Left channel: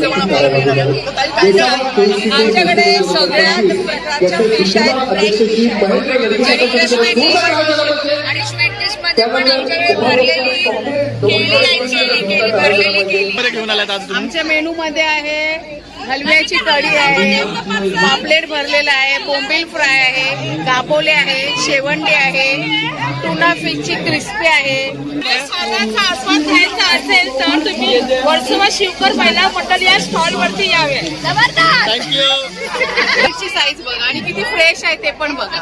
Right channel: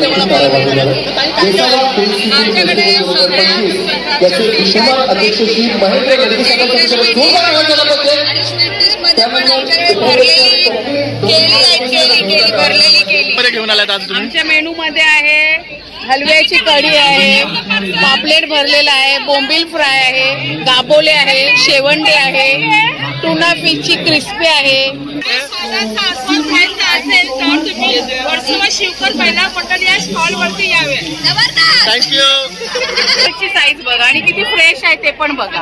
जेवण आपल्याला मिळणार आहे. तर ताई काय काय आमच्याकडे याचे विश्वमान अध्यक्ष श्री महेंद्र लडके साहेबांसाठी जोरदार आवाज झाला पाहिजे. आणि स्वीट डिश मध्ये पण आमच्याकडे भरलेली केली घेऊन आलात आज तुम्ही? आमच्या मेनू मध्ये आहे हलव्याची कढी आहे, पापलेट भरलेला आहे, बोंबील फ्राय आहे, गाबोले आहे, शेवंडी आहे, टुना फिशची क्रिस्पी आहे. खायचा असेल तर तुम्ही वर्सोवा शिवकर महिला मंडळ या स्टॉल वरती यावे. थँक्यू. साईज बघा आणि किती फ्रेश आहे ते पण बघा.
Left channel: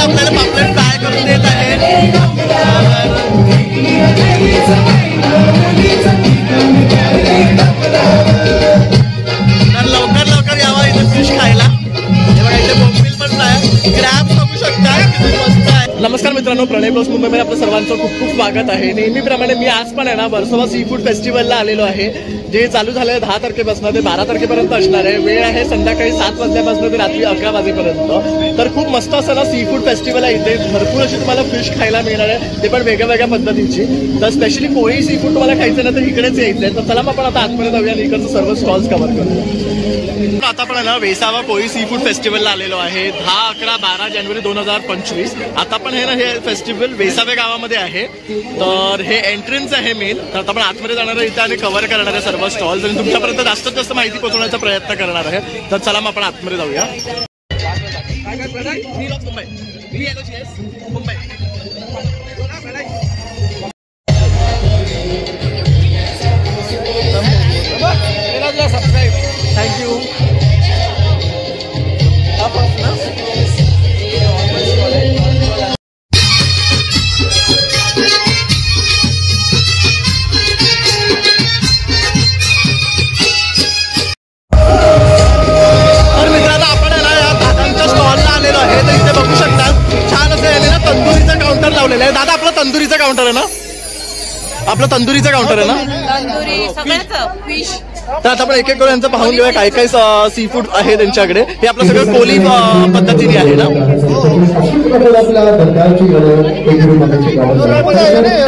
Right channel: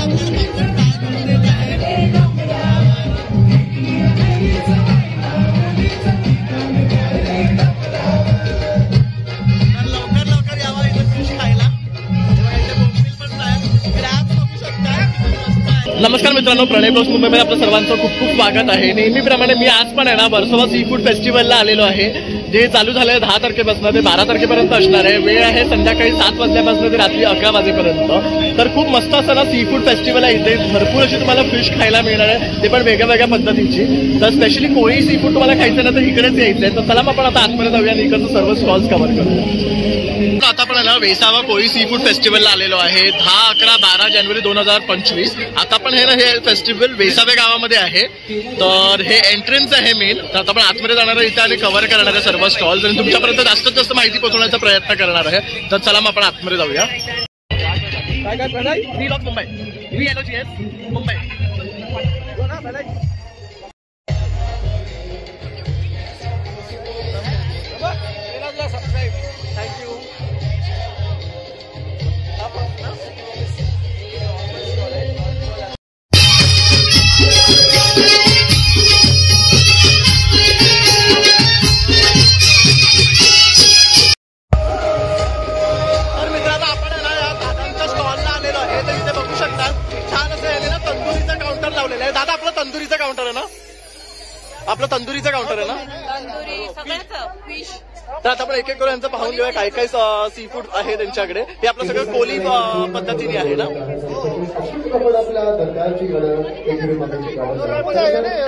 आपल्याला पापलेट फ्राय करून देत आहे. तर लवकर लवकर यावा इथे फिश खायला. इथे बोंबील पण फ्राय, क्रॅब बघू शकता किती मस्त आहे. नमस्कार मित्रांनो, प्रणय ब्लॉग्स मुंबईमध्ये आपलं सर्वांचं खूप खूप स्वागत आहे. नेहमीप्रमाणे मी आज पण आहे ना वर्सोवा सी फूड फेस्टिवलला आलेलो आहे, जे चालू झालं आहे 10 तारखेपासून ते 12 तारखेपर्यंत असणार आहे. वेळ आहे संध्याकाळी 7 वाजल्यापासून ते रात्री 11 वाजेपर्यंत. तर खूप मस्त असं ना सी फूड फेस्टिवल आहे. इथे भरपूर अशी तुम्हाला फिश खायला मिळणार आहे, ते पण वेगळ्या वेगळ्या पद्धतीची. तर स्पेशली कोळी सी फूड तुम्हाला खायचं ना तर इकडेच यायचं आहे. तर चला मग आपण आता आतमध्ये जाऊया आणि इकडचं सर्व स्टॉल्स कव्हर करूया. आता आपण ना वेसावा कोळी सी फूड फेस्टिवलला आलेलो आहे. 10, 11, 12 जानेवारी 2025. आता पण हे ना हे फेस्टिवल वेसावे गावामध्ये आहे. तर हे एंट्रन्स आहे मेन. तर आता आपण आतमध्ये जाणार आहे इथे आणि कव्हर करणार आहे सर्व स्टॉल्स आणि तुमच्यापर्यंत जास्तीत जास्त माहिती पोहोचवण्याचा प्रयत्न करणार आहे. तर चला मग आपण आतमध्ये जाऊया. मुंबई मुंबई. थँक्यू. दादा आपला तंदुरीचा काउंटर आहे ना? आपला तंदुरीचा काउंटर आहे ना? फिश. तर आता आपण एक एक करून यांचं पाहून घेऊया काय काय सी फूड आहे त्यांच्याकडे. हे आपलं सगळं कोली पद्धतीने आहे ना?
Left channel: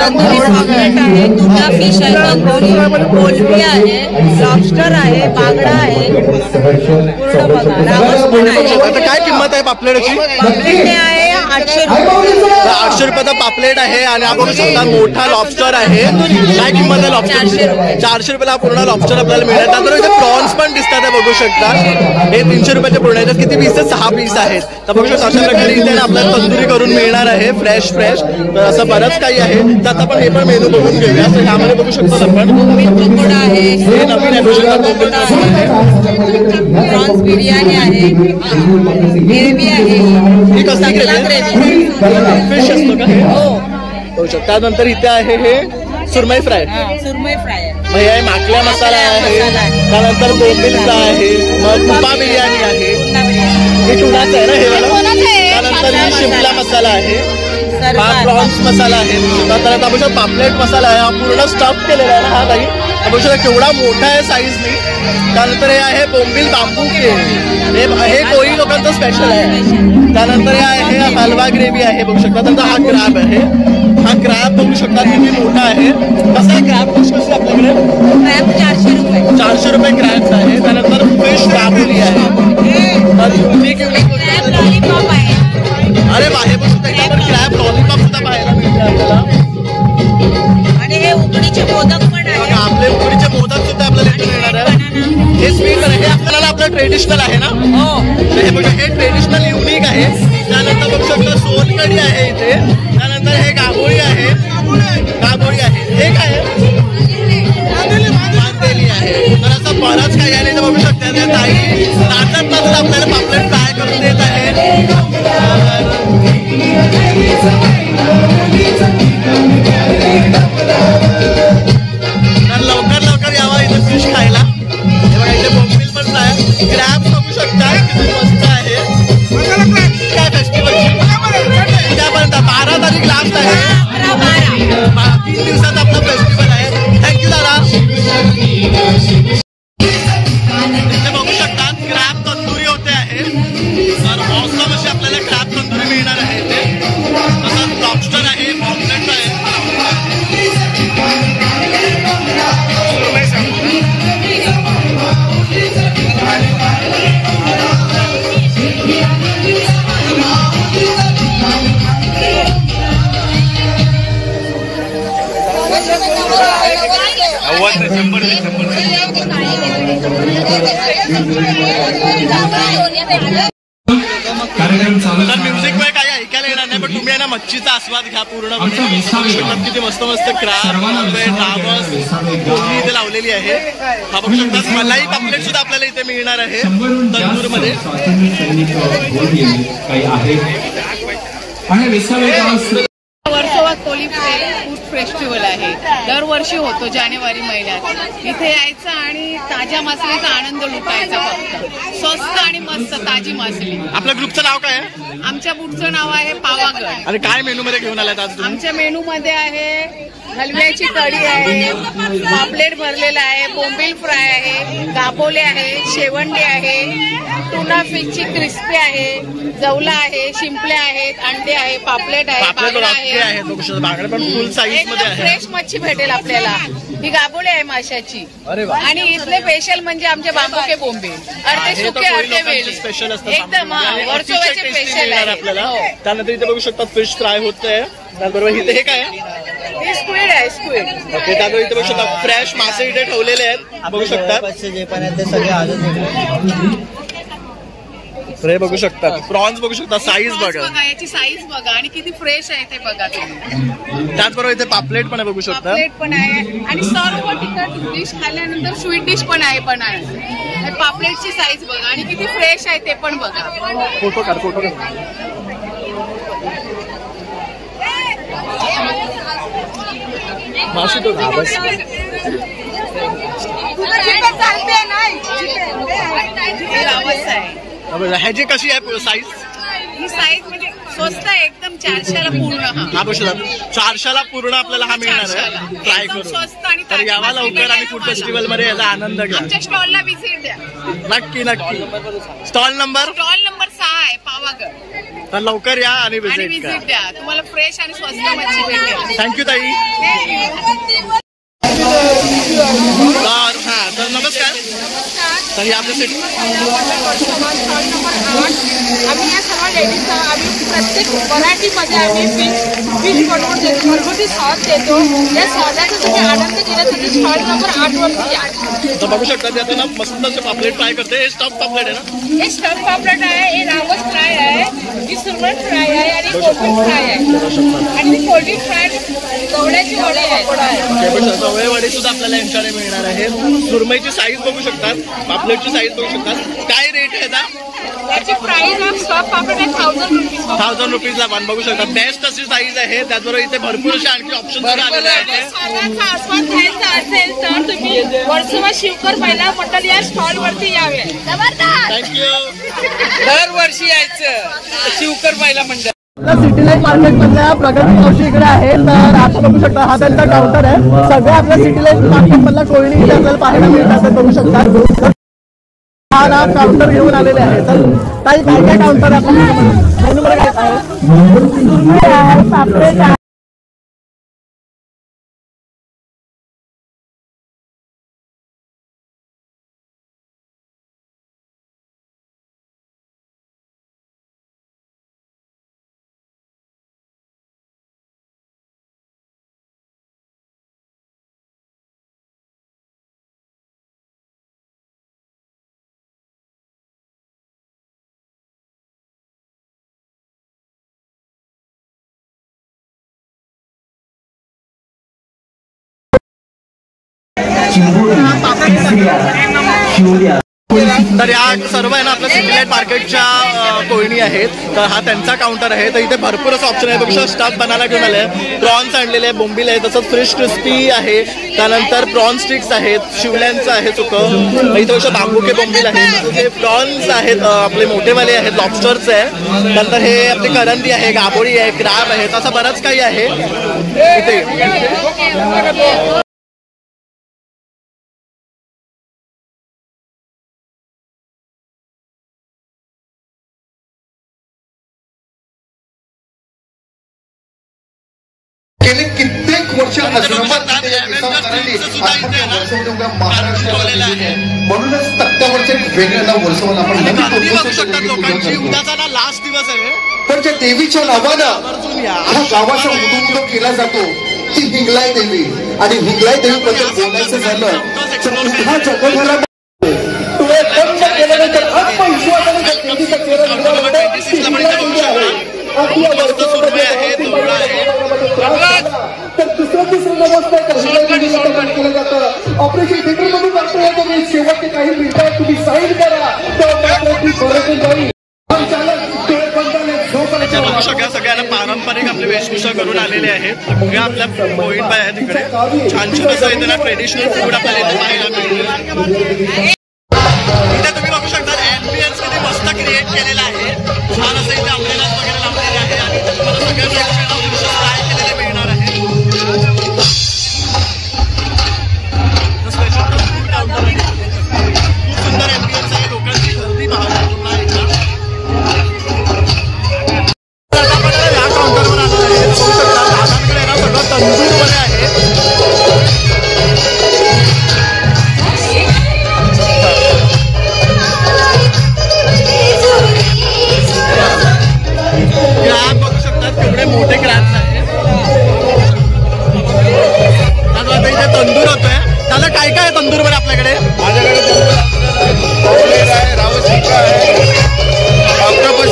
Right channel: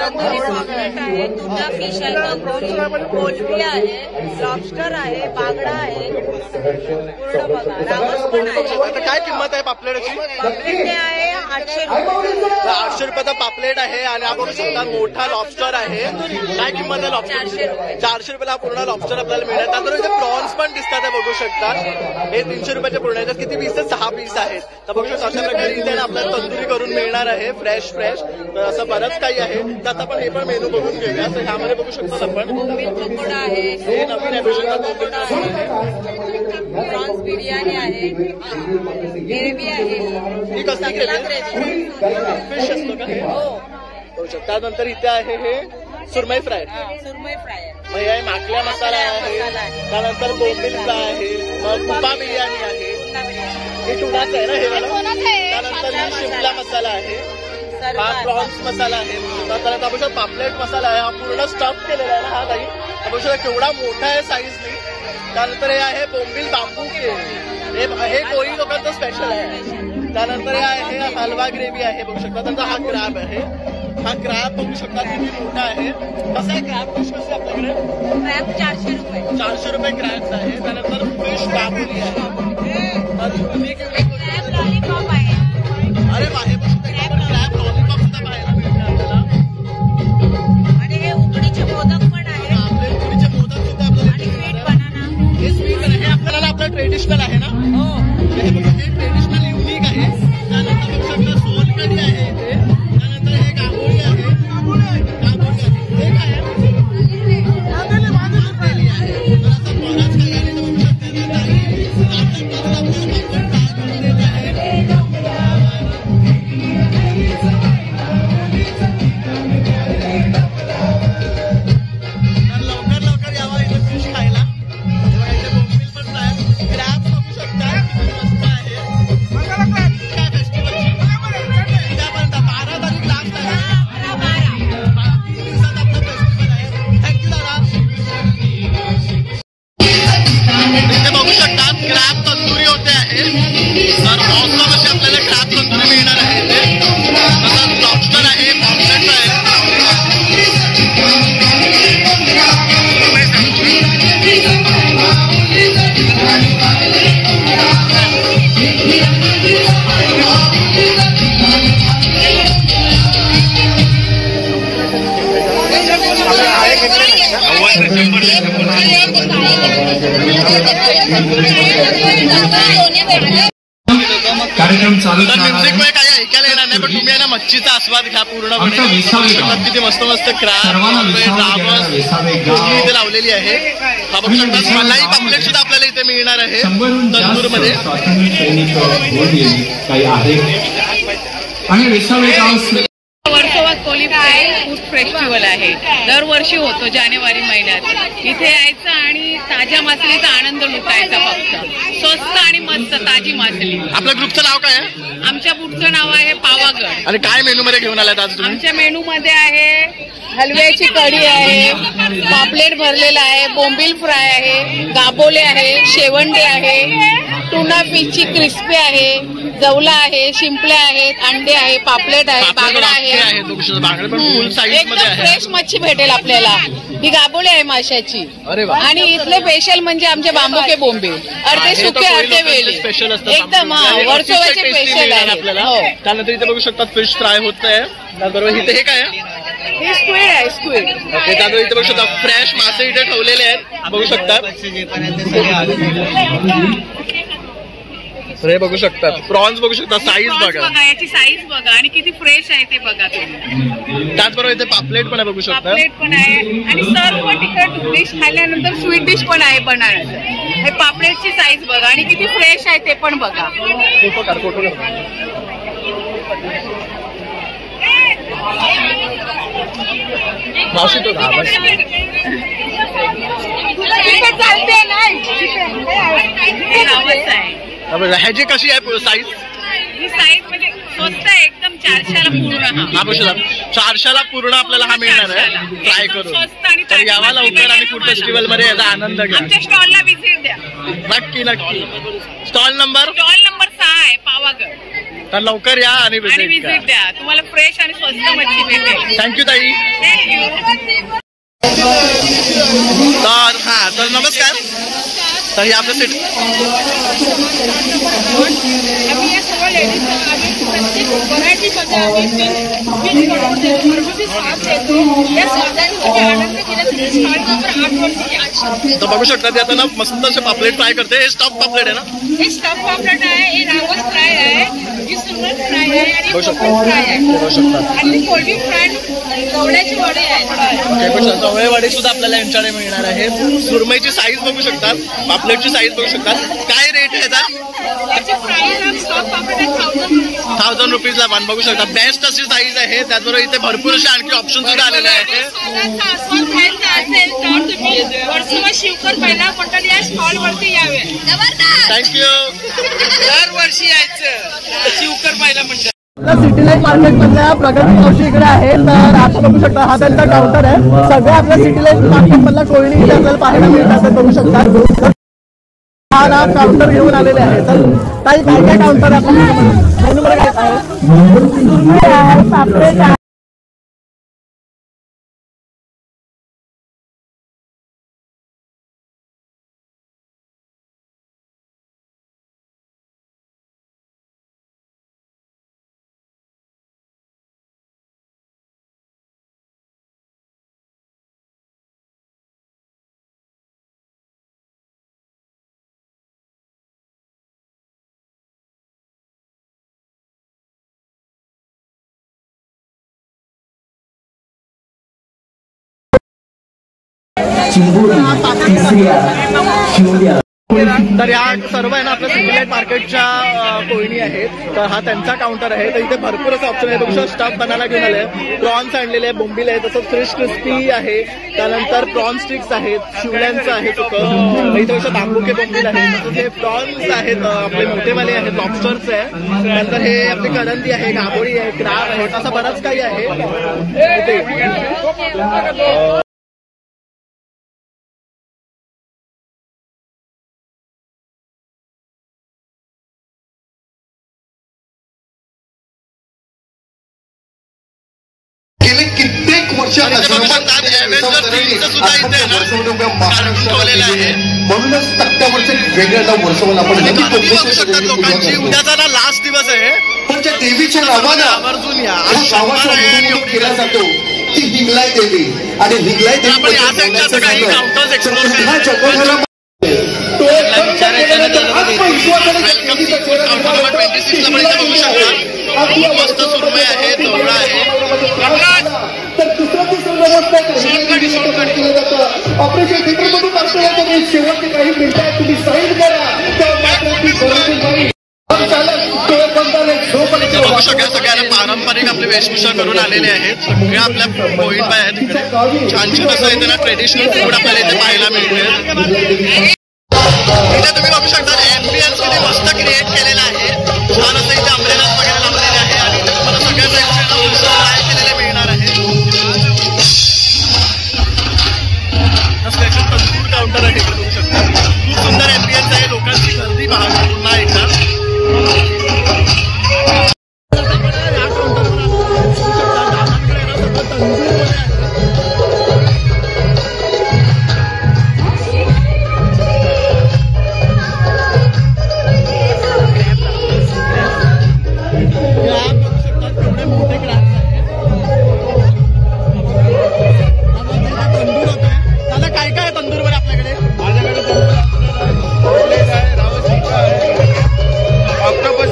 तंदुरी पॉपलेट आहे, टुना फिश आहे, तंदुरी कोलंबी आहे, लॉबस्टर आहे, बांगडा आहे, पूर्ण बघा. रावस पण आहे. आता काय किंमत आहे पापलेटची? पापलेट आहे 800 रुपये. 800 रुपयाचा पापलेट आहे. आणि आपण समजा मोठा लॉबस्टर आहे. काय किंमत आहे लॉबस्टर? 400 रुपयाला पूर्ण लॉबस्टर आपल्याला मिळेल. त्यानंतर इथे प्रॉन्स पण दिसतात, बघू शकता. हे 300 रुपयाचे पूर्ण आहेत. किती पीस आहेत? 6 पीस आहेत. तर बघू शकता अशा प्रकारे इथे आपल्याला तंदुरी करून मिळणार आहे फ्रेश. तर असं बरंच काही आहे. तर आता आपण हे पण मेनू बघून घेऊया. तर ह्यामध्ये बघू शकतो आपण पकोडा आहे, हे नवीन आहे, बघू शकता. प्रॉन्स बिर्याणी आहे, ग्रेव्ही आहे. ही कसली ग्रेव्ही? फिश असतो का? हो. बघू शकता. त्यानंतर इथे आहे हे सुरमई फ्राय. सुरमई फ्राय हे आहे माकल्या मसाला आहे. त्यानंतर बोंबील फ्राय आहे. मग तुपा बिर्याणी आहे. हे टुनाचं आहे ना हे वाला. त्यानंतर ही शिमला मसाला आहे. हा प्रॉन्स मसाला आहे. त्यानंतर आपण पापलेट मसाला आहे. हा पूर्ण स्टफ केलेला आहे ना हा काही. आपण केवढा मोठा आहे साईजनी. त्यानंतर हे आहे बोंबील बांबू के. हे कोळी लोकांचं स्पेशल आहे. त्यानंतर हे आहे हलवा ग्रेव्ही आहे, बघू शकता. त्यानंतर हा क्रॅब आहे. हा क्रॅब बघू शकता किती मोठा आहे. कसा आहे क्रॅब? कशी आपल्याकडे? क्रॅब 400 रुपये. 400 रुपये क्रॅब आहे. त्यानंतर फिश काबुली आहे. क्रॅब लॉलीपॉप आहे. अरे वा, हे बघू शकता आपण क्रॅब लॉलीपॉप सुद्धा पाहायला मिळते आपल्याला. आणि हे उकडीचे मोदक पण आहे. आपले उकडीचे मोदक सुद्धा आपल्याला इथे मिळणार आहे. हे स्वीट आहे. हे आपल्याला आपलं ट्रेडिशनल आहे ना? हो. हे बघा, हे ट्रेडिशनल युनिक आहे. त्यानंतर बघू शकता सोलकढी आहे इथे. त्यानंतर हे गाभोळी आहे. गाभोळी आहे. हे काय आहे? मांदेली आहे. तर असं बरंच काही आहे. बघू शकता ताई नाचत नाचत आपल्याला पापलेट फ्राय करून देत आहे. नॉनस्टॉप अशी आपल्याला क्रॅब तंदुरी मिळणार आहे इथे. तसंच लॉबस्टर आहे, पॉम्पलेट आहे. तर म्युझिक मध्ये काही ऐकायला येणार नाही, पण तुम्ही आहे ना मच्छीचा आस्वाद घ्या पूर्णपणे. किती मस्त मस्त क्रॅब, पॉम्पलेट, रावस, कोळणी इथे लावलेली आहे. हा बघू शकता. मलाई पापलेट सुद्धा आपल्याला इथे मिळणार आहे तंदूर मध्ये. वर्सोवा कोली फूड फेस्टिवल आहे, दरवर्षी होतो जानेवारी महिन्यात. इथे यायचं आणि ताज्या मासळीचा आनंद लुटायचा. फक्त स्वस्त आणि मस्त ताजी मासळी. आपल्या ग्रुपचं नाव काय आहे? आमच्या बुटचं नाव आहे पावागड. आणि काय मेनू मध्ये घेऊन आलात आज तुम्ही? आमच्या मेनू मध्ये आहे हलव्याची कढी आहे, पापलेट भरलेला आहे, बोंबील फ्राय आहे, गाबोले आहे, शेवंडे आहे, टुना फिशची क्रिस्पी आहे, जवला आहे, शिंपले आहेत, अंडे आहे, पापलेट आहे, बांगडा आहे. बांगडे पण फुल साईज मध्ये आहे. फ्रेश मच्छी भेटेल आपल्याला. ही गाबोली आहे माशाची. अरे वा. आणि इथले स्पेशल म्हणजे आमचे बांबुके बोंबे स्पेशल असतं एकदम टेस्टी मिळणार आपल्याला. त्यानंतर इथे बघू शकता फिश फ्राय होत आहे. त्याचबरोबर इथे हे काय आहे? स्क्विड आहे, स्क्विड. ओके. त्यानंतर इथे बघू शकता फ्रेश मासे इथे ठेवलेले आहेत, बघू शकता. हे बघू शकतात प्रॉन्स, बघू शकता साईज बघा, याची साईज बघा आणि किती फ्रेश आहे ते बघा तुम्ही. त्याचबरोबर इथे पापलेट पण आहे, बघू शकता. पापलेट पण आहे आणि सर्व तिखट डिश खाल्ल्यानंतर स्वीट डिश पण आहे बनायला. पापलेटची साईज बघा आणि किती फ्रेश आहे ते पण बघा. फोटो काढ, फोटो काढ. मावशी तो रावस आहे. ह्याची कशी आहे साईज? ही साईज म्हणजे स्वस्त आहे एकदम. 400ला पूर्ण. हा बघू शकता 400ला पूर्ण आपल्याला हा मिळणार आहे ट्राय करून. तर यावा लवकर आणि फूड फेस्टिवल मध्ये याचा आनंद घ्या. आमच्या स्टॉलला व्हिजिट द्या. नक्की नक्की. स्टॉल नंबर 6 आहे पावागड. तर लवकर या आणि व्हिजिट द्या. तुम्हाला फ्रेश आणि स्वस्त मच्छी भेटेल. थँक्यू ताई. थँक्यू. तर हा तर नमस्कार. तर हे आपलं सेट आम्ही या सर्व लेडीज आम्ही प्रत्येक व्हरायटीमध्ये आम्ही फिश बनवून देतो, घरगुती स्वाद देतो. या स्वादाचा तुम्ही आनंद घेण्यासाठी स्टॉल नंबर 8 वरती या. तर बघू शकता ते आता ना मस्त असे पापलेट फ्राय करते. हे स्टफ पापलेट आहे ना? हे स्टफ पापलेट आहे, हे रावस फ्राय आहे, ही सुरमई फ्राय आहे आणि कोलंबी फ्राय आहे. बघू शकता. आणि कोलंबी फ्राय जवळ्याची वडी आहे. ओके. पण जवळवाडी सुद्धा आपल्याला यांच्याकडे मिळणार आहे. सुरमईची साईज बघू शकतात, पापलेटची साईज बघू शकतात. काय रेट आहे याचा? त्याची प्राइस ऑफ स्टफ पापलेट आहे 1000 रुपीज. 1000 रुपीजला वन बघू शकता. बेस्ट अशी साईज आहे. त्याचबरोबर इथे भरपूर असे आणखी ऑप्शन सुद्धा आलेले आहेत. स्वतःचा आस्वाद घ्यायचा असेल तर तुम्ही वर्सोवा शिवकर महिला मंडळ या स्टॉल वरती यावे. थँक्यू. दरवर्षी यायचं शिवकर महिला मंडळ. सिटी लाईफ मार्केट मधल्या प्रगती मावशी इकडे आहे. तर आता बघू शकता हा त्यांचा काउंटर आहे. सगळ्या आपल्या सिटी लाईफ मार्केट मधल्या कोळणी इथे आपल्याला पाहायला मिळतात, बघू शकता. हा ना काउंटर घेऊन आलेले आहे. तर काही काय काय काउंटर आहे मेनू मध्ये काय आहे? पापलेट आहे. तर या सर्व आहे ना आपल्या सिटी लाईट मार्केटच्या कोळणी आहेत. तर हा त्यांचा काउंटर आहे. तर इथे भरपूर असं ऑप्शन आहे. बघू शकता स्टफ बनायला घेऊन आले, प्रॉन्स आणलेले आहे, बोंबील आहे, तसंच फिश क्रिस्पी आहे, त्यानंतर प्रॉन स्टिक्स आहेत, शिवल्यांचं आहे चुकं, इथे बघू बांबुके बोंबील आहे, तसंच हे प्रॉन्स आहेत आपले मोठेवाले आहेत, लॉबस्टर्स आहे, नंतर हे आपली करंदी आहे, गाबोळी आहे, क्रॅब आहे, असं बरंच काही आहे इथे. गेले कित्येक वर्ष आणि इथे बघू शकतात Avengers 3चं सुद्धा इथे ना कार्टून ठेवलेलं आहे. म्हणूनच तक्त्यावरचं एक वेगळं वर्षवून आपण आणि गर्दी बघू शकतात लोकांची. उद्याचा ना लास्ट दिवस आहे. पण ज्या देवीच्या नावानं आवर्जून या. आज गावाचा उदोउदो केला जातो ती हिंगलाई देवी. आणि हिंगलाई देवी आपण या साईडच्या काही काउंटर्स एक्सप्लोर करणार. काउंटर नंबर 26 ला पण इथे बघू शकता. खूप मस्त सुरमई आहे, जवळा आहे. ऑपरेशन थिएटर मधून करता येतो. शेवटचे काही मिनिटात तुम्ही साईड करा. बघू शकता सगळ्यांना पारंपरिक आपली वेशभूषा करून आलेले आहेत. सगळ्या आपल्या पॉइंट बाय आहेत इकडे. छान छान असं इथे ना ट्रेडिशनल फूड आपल्याला इथे पाहायला मिळते. इथे तुम्ही बघू शकता ॲम्बियन्स किती मस्त क्रिएट केलेला आहे. छान असं इथे अम्ब्रेलाज वगैरे लावलेले आहे आणि इथे तुम्हाला सगळ्या टाईपचे फ्राय केलेले मिळणार आहे. स्पेशल तंदूर काउंटर आहे इकडे बघू शकता. खूप सुंदर ॲम्बियन्स आहे. लोकांची गर्दी पाहता पुन्हा एकदा. आता आपण या काउंटरवर आलेलो आहे. बघू शकता दादांकडे ना सगळं तंदूर मध्ये आहे. क्रॅब बघू शकतात केवढे मोठे क्रॅब्स आहेत. आता इथे तंदूर होतोय. दादा काय काय तंदूर मध्ये आपल्याकडे? माझ्याकडे रावस टिक्का आहे, ऑक्टोपस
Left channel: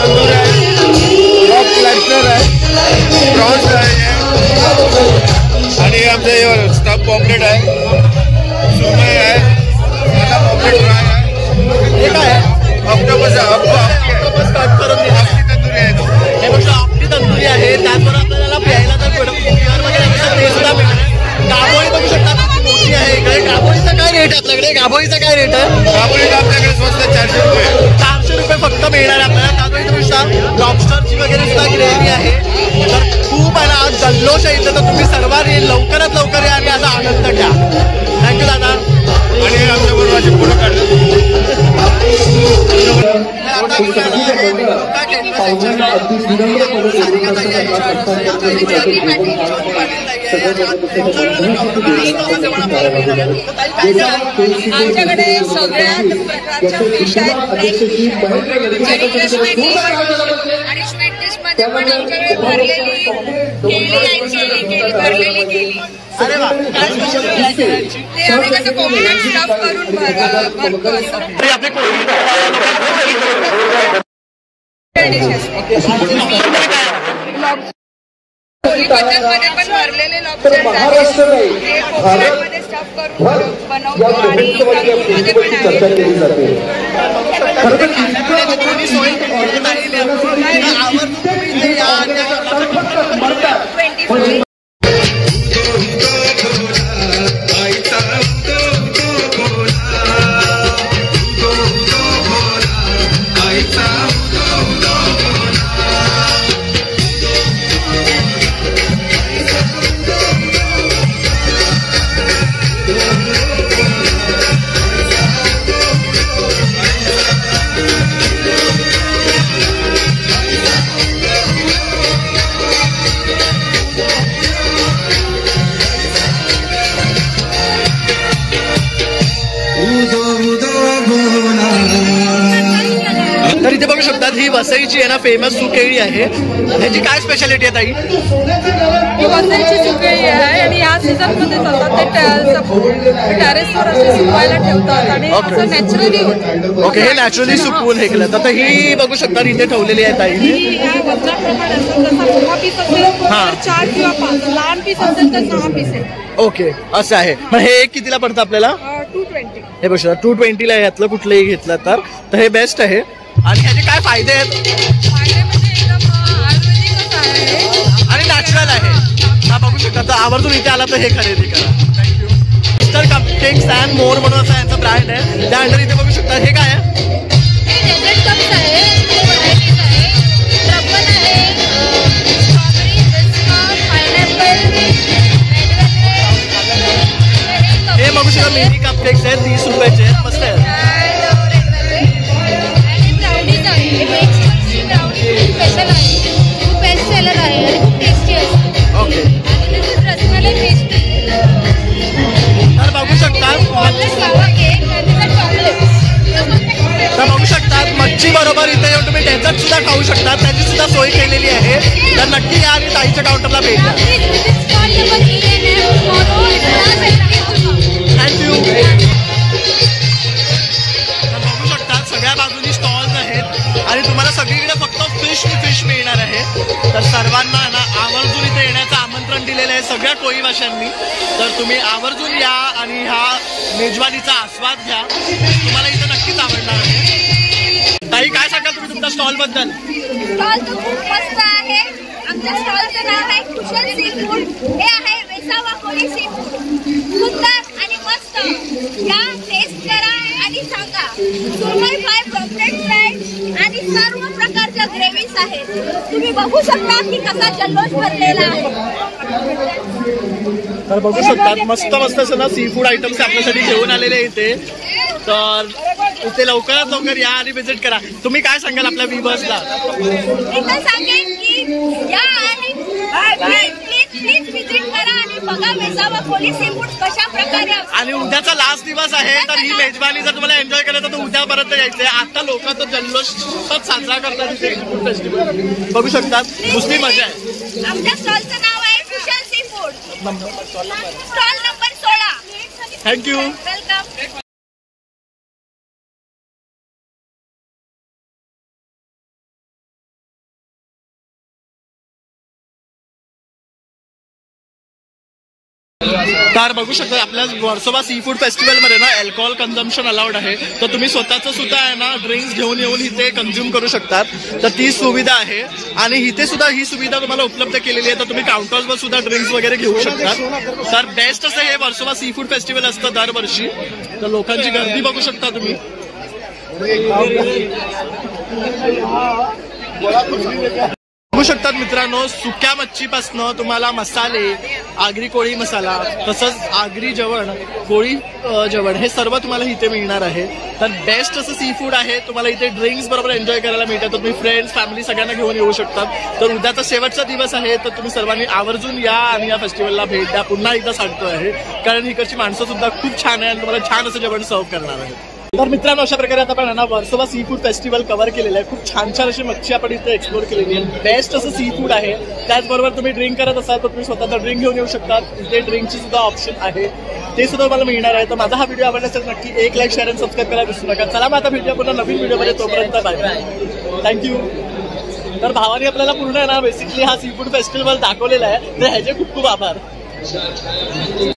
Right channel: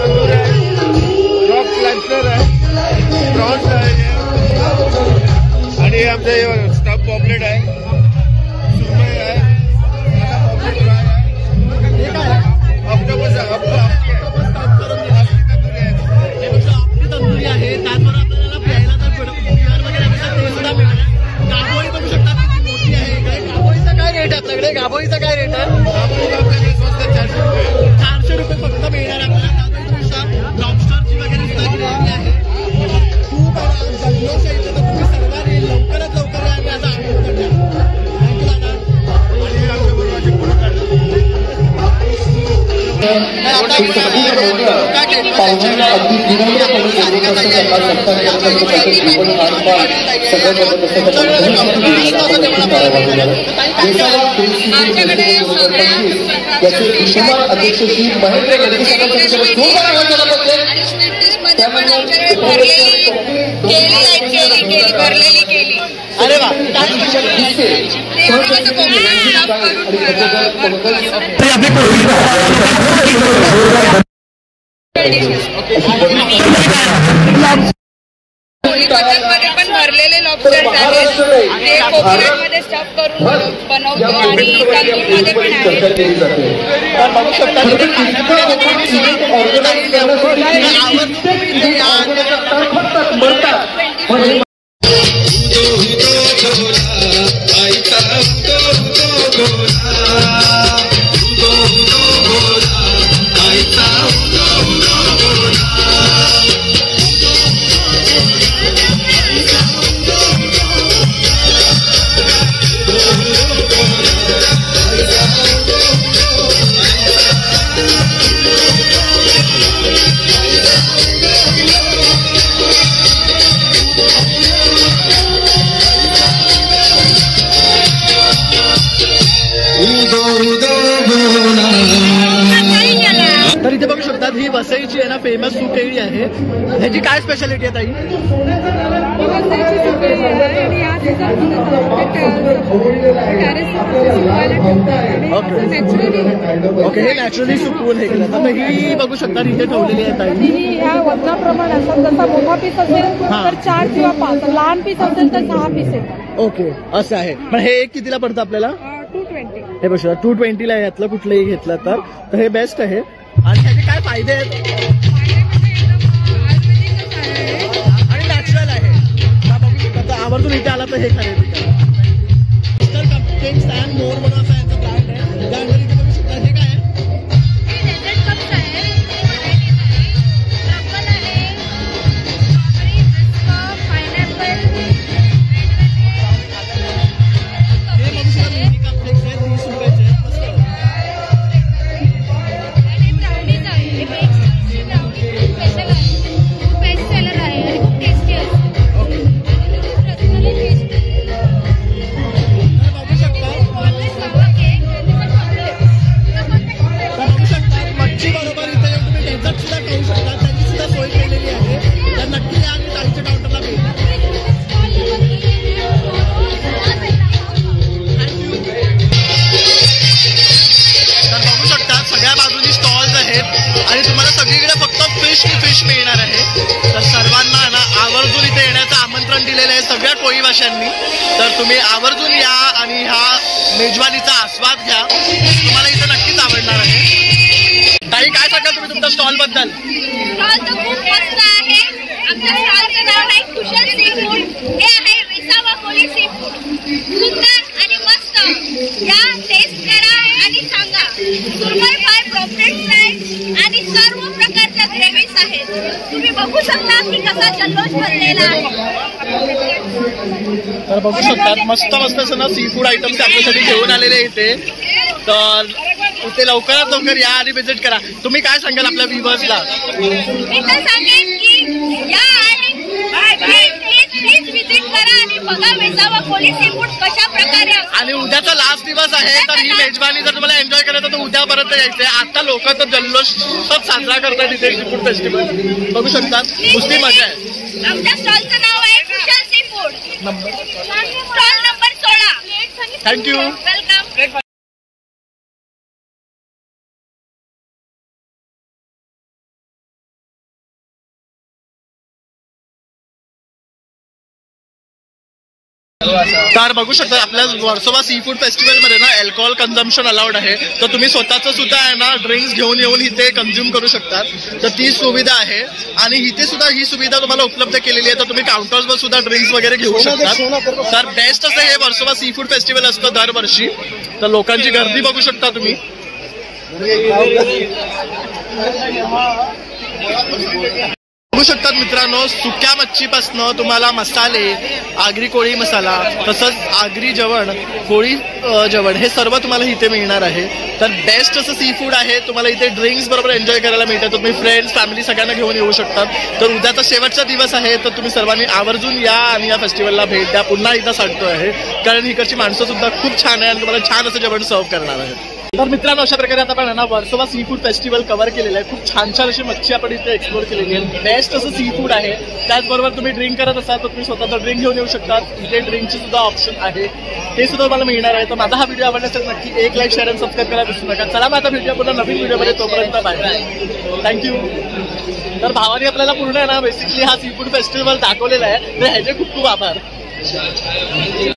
तंदूर आहे, रॉक क्लस्टर आहे, प्रॉन्स आहे आणि आपले स्टफ पॉपलेट आहे, सुरमई आहे, साधा पॉपलेट फ्राय आहे. हे काय आहे? ऑक्टोपस कट करून दिला. हे बघा आपली तंदुरी आहे. त्याचबरोबर आपल्याला प्यायला तर बिअर वगैरे ते सुद्धा मिळणार आहे. गाभोळी बघू शकता किती मोठी आहे. इकडे गाभोळीचा काय रेट आहे आपल्याकडे? गाभोळीचा काय रेट आहे? गाभोळी आपल्याकडे स्वस्त 400 रुपये. 400 रुपये फक्त मिळणार आहे आपल्याला. त्याचबरोबर तुम्ही लॉबस्टरची वगैरे सुद्धा ग्रेव्ही आहे. तर खूप आहे ना आज जल्लोष आहे इथं. तर तुम्ही सर्वांनी लवकरात लवकर या आणि याचा आनंद घ्या. थँक्यू दादा. आणि आमच्याबरोबर माझे फोटो काढले. आता आपण याचे विश्वमान अध्यक्ष श्री महेंद्र आणि स्वीट डिश मध्ये पण आमच्याकडे भरलेली केली. अरे वा. ते कोकणात स्टफ करून कोकणामध्ये पण भरलेले लॉबस्टर आहेत. ते कोकणामध्ये स्टफ करून बनवतो आणि तंदूरमध्ये पण आहे. तर इथे बघू शकतात ही वसईची आहे ना फेमस सुकेळी आहे. ह्याची काय स्पेशालिटी आहे ताई? ही वसईची सुकेळी आहे आणि या सीझन मध्ये जातात ते टेरेसवर असे सुकवायला ठेवतात आणि असं नॅचरली होतं. ओके. हे नॅचरली सुकवून हे केलं. तर ही बघू शकता इथे ठेवलेली आहे ताई. ही ह्या वजनाप्रमाणे असतात. जसा मोठा पीस असेल तर 4 किंवा 5, लहान पीस असेल तर 6 पीस येतात. ओके असं आहे. पण हे कितीला पडतं आपल्याला? 220. हे बघा 220 ला यातलं कुठलंही घेतलं तर हे बेस्ट आहे. आणि ह्याचे काय फायदे आहेत? फायदे म्हणजे एकदम आयुर्वेदिकच आहे आणि नॅचरल आहे. हा बघू शकता. तर आवर्जून इथे आला तर हे खरेदी करा. Thank you. Mister cupcakes and more म्हणून असा यांचा ब्रँड आहे. त्या अंडर इथे बघू शकता. हे काय आहे? हे डेझर्ट कप्स आहे. व्हरायटीज आहे. ट्रफल आहे, स्ट्रॉबेरी, पिस्ता, पायनॅपल, रेड वेलवेट. हे बघू शकता मिनी कपकेक्स आहेत. 30 रुपयाचे आहेत. मस्त आहे. स्पेशल आहे. खूप बेस्ट सेलर आहे आणि खूप टेस्टी आहे. ओके. विकत सुद्धा खाऊ शकतात, त्याची सुद्धा सोय केलेली आहे. तर नक्की या आणि ताईच्या काउंटरला भेट द्या. थँक्यू. तर बघू शकता सगळ्या बाजूनी स्टॉल्स आहेत आणि तुम्हाला सगळीकडे फक्त फिश मिळणार आहे. तर सर्वांना ना आवर्जून इथे येण्याचं आमंत्रण दिलेलं आहे सगळ्या कोळीवाशांनी. तर तुम्ही आवर्जून या आणि ह्या मेजवानीचा आस्वाद घ्या, तुम्हाला इथे नक्कीच आवडणार आहे. ताई काय सांगाल तुम्ही तुमच्या स्टॉल बद्दल? स्टॉल तर खूप मस्त आहे. आमच्या स्टॉलचं नाव आहे कुशल सी फूड. हे आहे वेसावा कोळी सी फूड. सुंदर आणि मस्त. या टेस्ट करा आणि सांगा. सुरमई फ्राय, पॉपलेट फ्राय आणि सर्व प्रकारच्या ग्रेव्हीज आहेत. तुम्ही बघू शकता की कसा जल्लोष भरलेला आहे. तर बघू शकतात मस्त मस्त असं ना सी फूड आयटम्स आपल्यासाठी घेऊन आलेले इथे. तर इथे लवकरात लवकर या आणि व्हिजिट करा. तुम्ही काय सांगाल आपल्या व्ह्यूअर्सला? मी तर सांगेन की या आणि प्लीज व्हिजिट करा आणि बघा वेसावा कोळी सी फूड कशा प्रकारे. आणि उद्याचा लास्ट दिवस आहे, तर ही मेजवानी जर तुम्हाला एन्जॉय करायचं तर उद्यापर्यंत यायचंय. आता लोक तर जल्लोषात साजरा करतात इथे सी फूड फेस्टिवल. बघू शकतात नुसती मजा आहे. आमच्या स्टॉलचं नाव आहे Kushal sea food. Stall number 16. Thank you. Welcome. तर बघू शकता आपल्या वर्सोवा सी फूड फेस्टिवलमध्ये ना अल्कोहोल कन्झम्पशन अलाउड आहे. तर तुम्ही स्वतःचं सुद्धा आहे ना ड्रिंक्स घेऊन येऊन इथे कन्झ्युम करू शकतात. तर ती सुविधा आहे आणि इथे सुद्धा ही सुविधा तुम्हाला उपलब्ध केलेली आहे. तर तुम्ही काउंटर्सवर सुद्धा ड्रिंक्स वगैरे घेऊ शकतात. तर बेस्ट असं हे वर्सोवा सी फूड फेस्टिवल असतं दरवर्षी. तर लोकांची गर्दी बघू शकता तुम्ही. बघू शकतात मित्रांनो, सुक्या मच्छीपासनं तुम्हाला मसाले, आगरी कोळी मसाला, तसंच आगरी जेवण, कोळी जेवण हे सर्व तुम्हाला इथे मिळणार आहे. तर बेस्ट असं सी फूड आहे. तुम्हाला इथे ड्रिंक्स बरोबर एन्जॉय करायला मिळतात. तुम्ही फ्रेंड्स, फॅमिली सगळ्यांना घेऊन येऊ शकतात. तर उद्याचा शेवटचा दिवस आहे, तर तुम्ही सर्वांनी आवर्जून या आणि या फेस्टिवलला भेट द्या. पुन्हा एकदा सांगतो आहे कारण इकडची माणसं सुद्धा खूप छान आहे आणि तुम्हाला छान असं जेवण सर्व करणार आहेत. तर मित्रांनो अशा प्रकारे आता आपण ना Versova sea food festival cover केलेलं आहे. खूप छान छान अशी मच्छी आपण इथे एक्सप्लोर केलेली आहे. बेस्ट असं सी फूड आहे. त्याचबरोबर तुम्ही ड्रिंक करत असाल तर तुम्ही स्वतःचा ड्रिंक घेऊन येऊ शकतात. इथे ड्रिंकची सुद्धा ऑप्शन आहे, ते सुद्धा तुम्हाला मिळणार आहे. तर माझा हा व्हिडिओ आवडला असेल नक्की एक लाईक, शेअर आणि सबस्क्राईब करायला विसरू नका. चला मग आता व्हिडिओ पुन्हा नवीन व्हिडिओमध्ये. तोपर्यंत बाय बाय. थँक्यू. तर भावाने आपल्याला पूर्ण आहे ना बेसिकली हा सी फूड फेस्टिवल दाखवलेला आहे. तर ह्याचे खूप खूप आभार.